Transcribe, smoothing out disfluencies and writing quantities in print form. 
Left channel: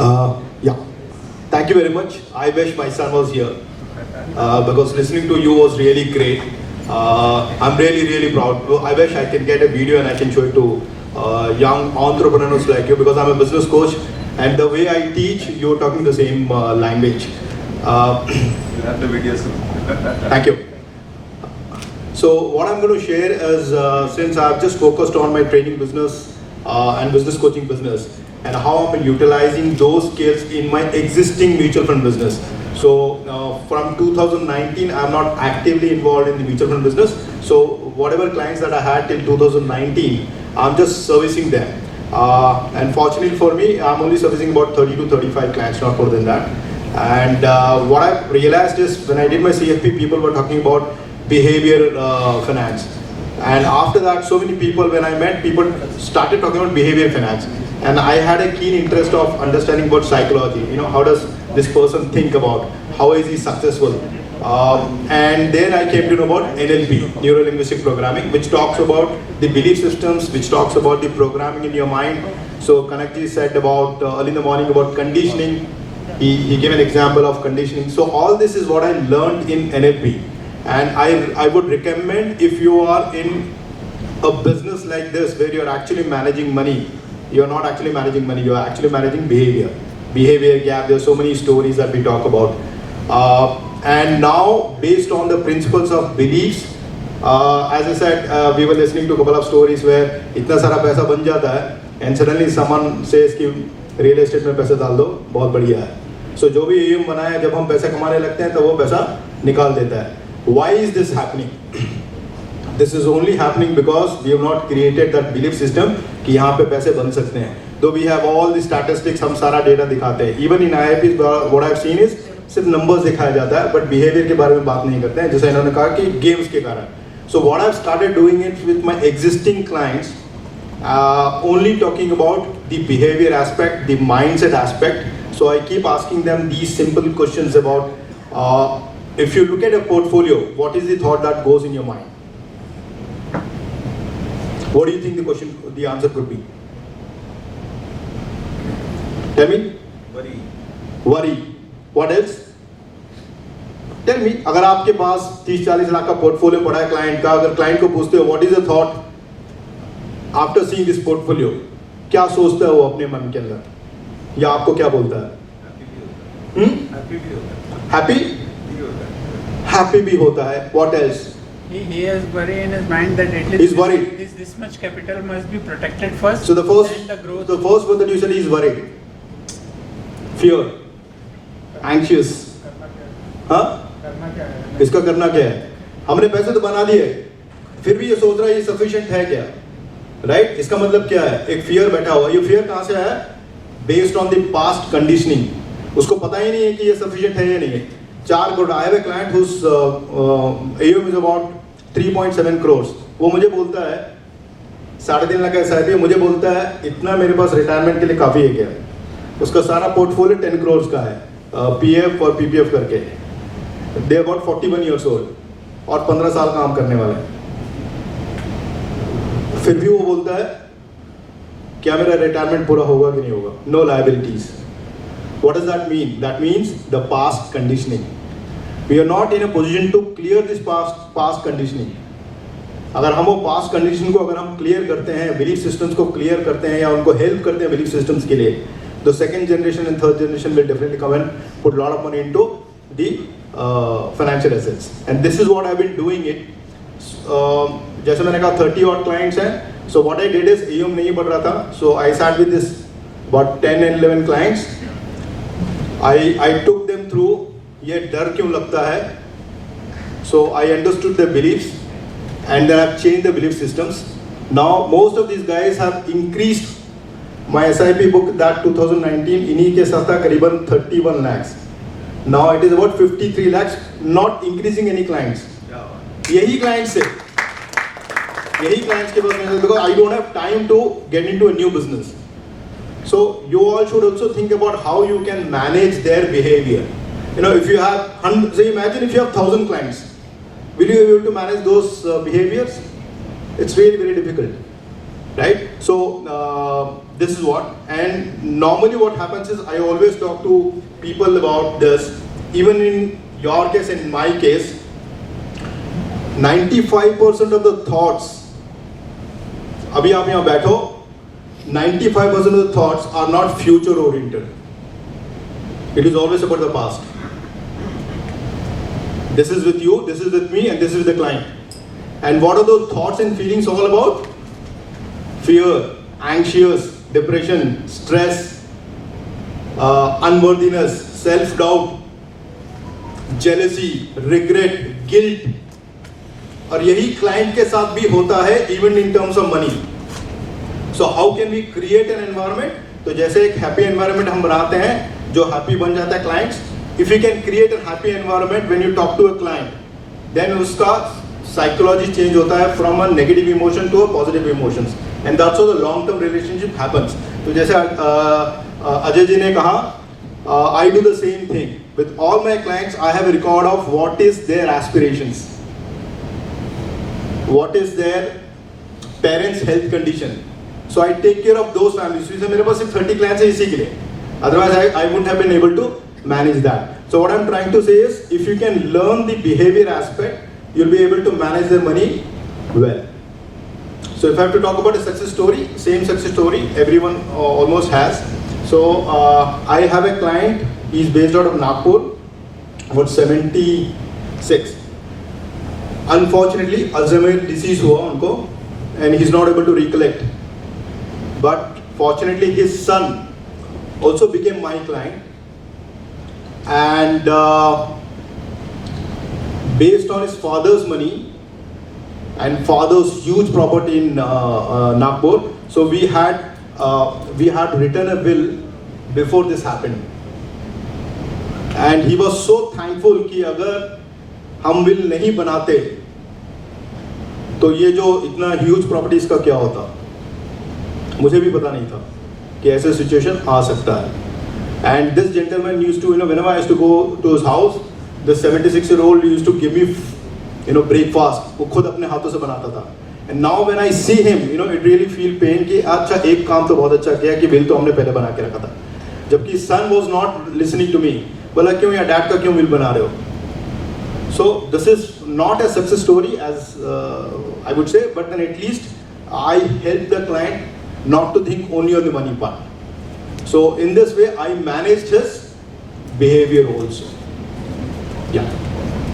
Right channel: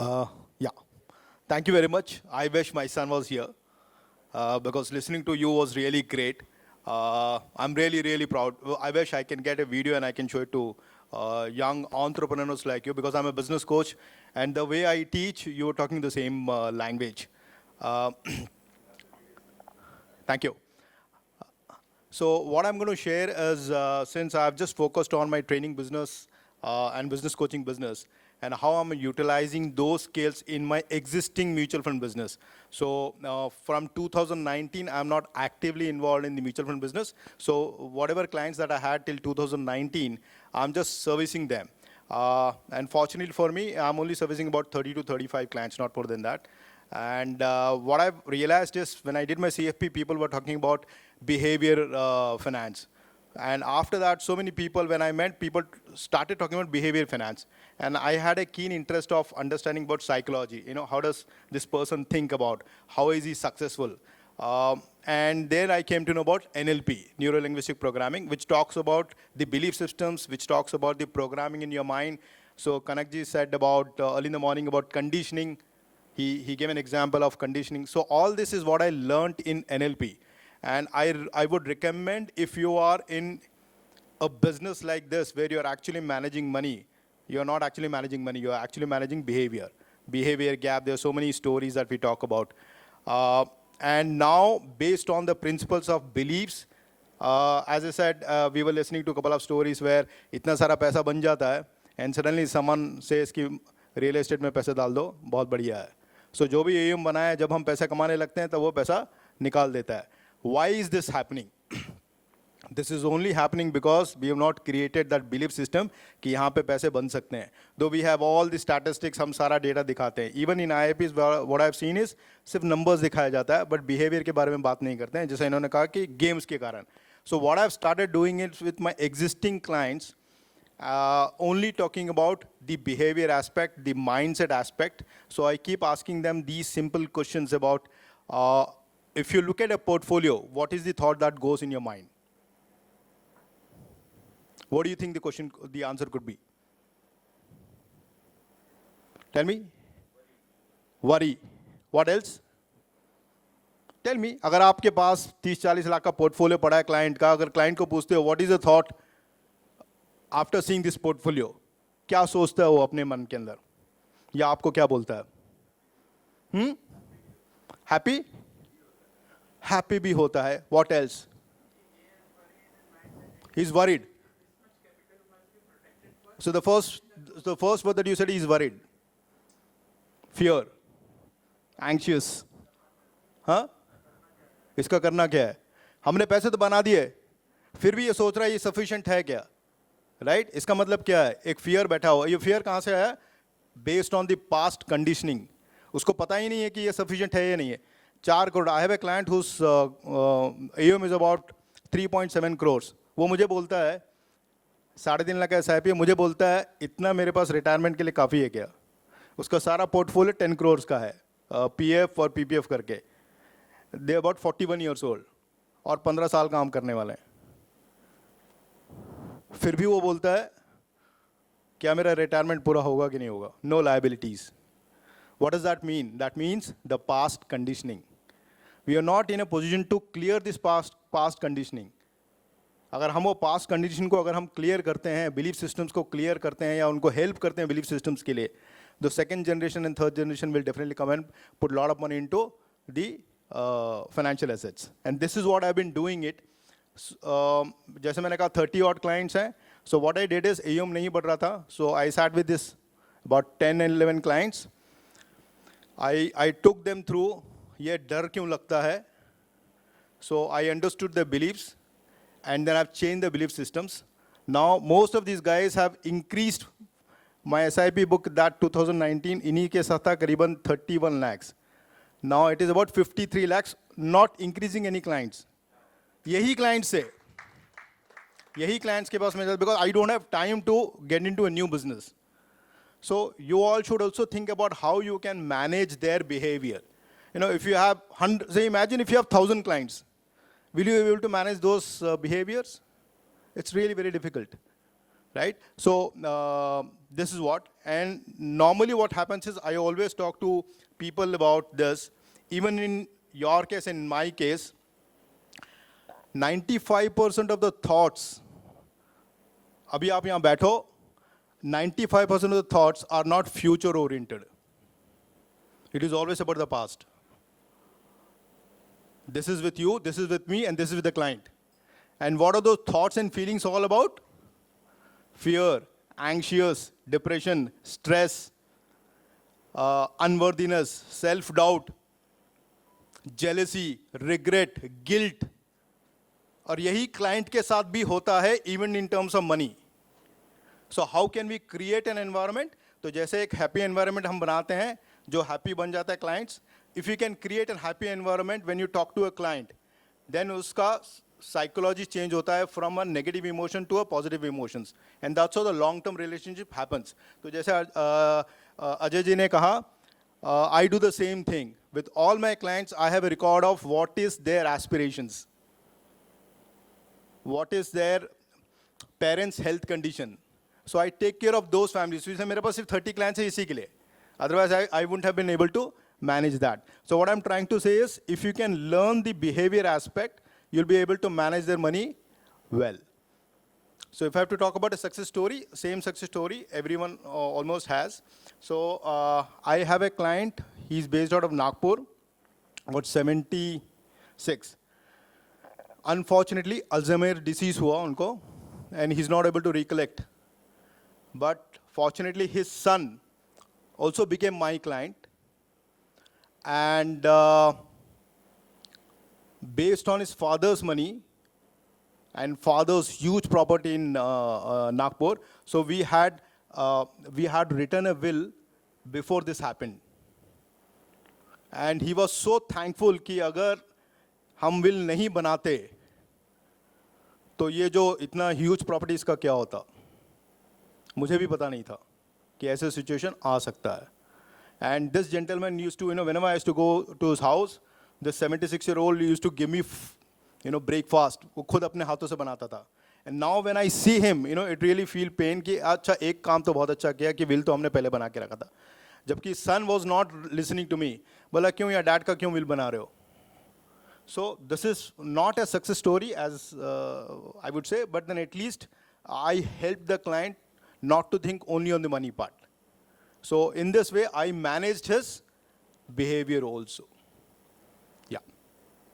Yeah, thank you very much. I wish my son was here because listening to you was really great. I'm really proud. I wish I can get a video and I can show it to young entrepreneurs like you because I'm a business coach and the way I teach, you're talking the same language. You'll have the video soon. Thank you. So what I'm going to share is since I've just focused on my training business and business coaching business and how I'm utilizing those skills in my existing mutual fund business. So from 2019, I'm not actively involved in the mutual fund business. So whatever clients that I had till 2019, I'm just servicing them. And fortunately for me, I'm only servicing about 30 to 35 clients, not more than that. And what I realized is when I did my CFP, people were talking about behavior finance. And after that, so many people, when I met, people started talking about behavior finance. And I had a keen interest of understanding about psychology. You know, how does this person think about? How is he successful? And then I came to know about NLP, Neuro Linguistic Programming, which talks about the belief systems, which talks about the programming in your mind. So Kanakji said about early in the morning about conditioning. He gave an example of conditioning. So all this is what I learned in NLP. And I would recommend if you are in a business like this where you're actually managing money, you're not actually managing money, you're actually managing behavior. Behavior gap, there's so many stories that we talk about. And now, based on the principles of beliefs, as I said, we were listening to a couple of stories where itna sara paisa ban jata hai, and suddenly someone says कि real estate में पैसा डाल दो, बहुत बढ़िया है. So जो भी AUM बना है, जब हम पैसे कमाने लगते हैं, तो वो पैसा निकाल देता है. Why is this happening? This is only happening because we have not created that belief system कि यहाँ पे पैसे बन सकते हैं. Though we have all the statistics, हम सारा data दिखाते हैं. Even in IIPs, what I've seen is सिर्फ numbers दिखाया जाता है, but behavior के बारे में बात नहीं करते हैं. जैसे इन्होंने कहा कि games के कारण. So what I've started doing it with my existing clients, only talking about the behavior aspect, the mindset aspect. So I keep asking them these simple questions about if you look at a portfolio, what is the thought that goes in your mind? What do you think the answer could be? Tell me. Worry. What else? Tell me. अगर आपके पास 30-40 लाख का portfolio पड़ा है client का, अगर client को पूछते हो what is the thought after seeing this portfolio, क्या सोचता है वो अपने मन के अंदर, या आपको क्या बोलता है? Happy भी होता है. What else? He has worry in his mind that at least he's worried. This much capital must be protected first. So the first one that you said is worried, fear, anxious. हाँ? इसका करना क्या है? हमने पैसे तो बना दिए, फिर भी ये सोच रहा है ये sufficient है क्या? Right? इसका मतलब क्या है? एक fear बैठा हुआ. ये fear कहाँ से आया? Based on the past conditioning. उसको पता ही नहीं है कि ये sufficient है या नहीं है. 4 crore. I have a client whose AUM is about 3.7 crores. वो मुझे बोलता है 3.5 लाख का SIP, मुझे बोलता है इतना मेरे पास रिटायरमेंट के लिए काफी है क्या? उसका सारा पोर्टफोलियो 10 crores का है, PF और PPF करके. They are about 41 years old और 15 साल काम करने वाले हैं. फिर भी वो बोलता है क्या मेरा रिटायरमेंट पूरा होगा कि नहीं होगा? No liabilities. What does that mean? That means the past conditioning. We are not in a position to clear this past conditioning. अगर हम वो past conditioning को अगर हम clear करते हैं, belief systems को clear करते हैं या उनको help करते हैं belief systems के लिए, the second generation and third generation will definitely come and put a lot of money into the financial assets. And this is what I've been doing it. जैसे मैंने कहा 30 odd clients हैं. So what I did is AUM नहीं बढ़ रहा था. So I sat with this about 10 and 11 clients. I took them through ये डर क्यों लगता है. So I understood their beliefs and then I've changed the belief systems. Now most of these guys have increased my SIP book that 2019 इन्हीं के साथ था करीबन 31 lakhs. Now it is about 53 lakhs, not increasing any clients. यही clients से यही clients के पास मैं because I don't have time to get into a new business. So you all should also think about how you can manage their behavior. You know, if you have, say imagine if you have 1,000 clients, will you be able to manage those behaviors? It's very, very difficult, right? So this is what, and normally what happens is I always talk to people about this. Even in your case, in my case, 95% of the thoughts, abhi aap yahan baitho, 95% of the thoughts are not future oriented. It is always about the past. This is with you, this is with me, and this is with the client. And what are those thoughts and feelings all about? Fear, anxious, depression, stress, unworthiness, self-doubt, jealousy, regret, guilt. और यही client के साथ भी होता है even in terms of money. So how can we create an environment? तो जैसे एक हैप्पी एनवायरनमेंट हम बनाते हैं जो हैप्पी बन जाता है clients. If you can create an happy environment when you talk to a client, then उसका साइकोलॉजी चेंज होता है from a negative emotion to a positive emotions, and that's how the long term relationship happens. तो जैसे अजय जी ने कहा, I do the same thing with all my clients. I have a record of what is their aspirations, what is their parents' health condition. So I take care of those families. So मेरे पास सिर्फ 30 clients हैं इसी के लिए. Otherwise I wouldn't have been able to manage that. So what I'm trying to say is, if you can learn the behavior aspect, you'll be able to manage the money well. So if I have to talk about a success story, same success story everyone almost has. So I have a client, he's based out of Nagpur, about 76. Unfortunately, Alzheimer's disease हुआ उनको, and he's not able to recollect. But fortunately, his son also became my client, and based on his father's money and father's huge property in Nagpur, so we had written a will before this happened, and he was so thankful कि अगर हम will नहीं बनाते तो ये जो इतना huge properties का क्या होता. मुझे भी पता नहीं था कि ऐसे situation आ सकता है. And this gentleman used to, whenever I used to go to his house, the 76-year-old used to give me, breakfast. वो खुद अपने हाथों से बनाता था. And now when I see him, it really feel pain कि अच्छा एक काम तो बहुत अच्छा किया कि बिल तो हमने पहले बना के रखा था. जबकि son was not listening to me. बोला क्यों या डैड का क्यों बिल बना रहे हो? So this is not a success story as I would say, but then at least I help the client not to think only on the money part. So in this way I managed his behavior also.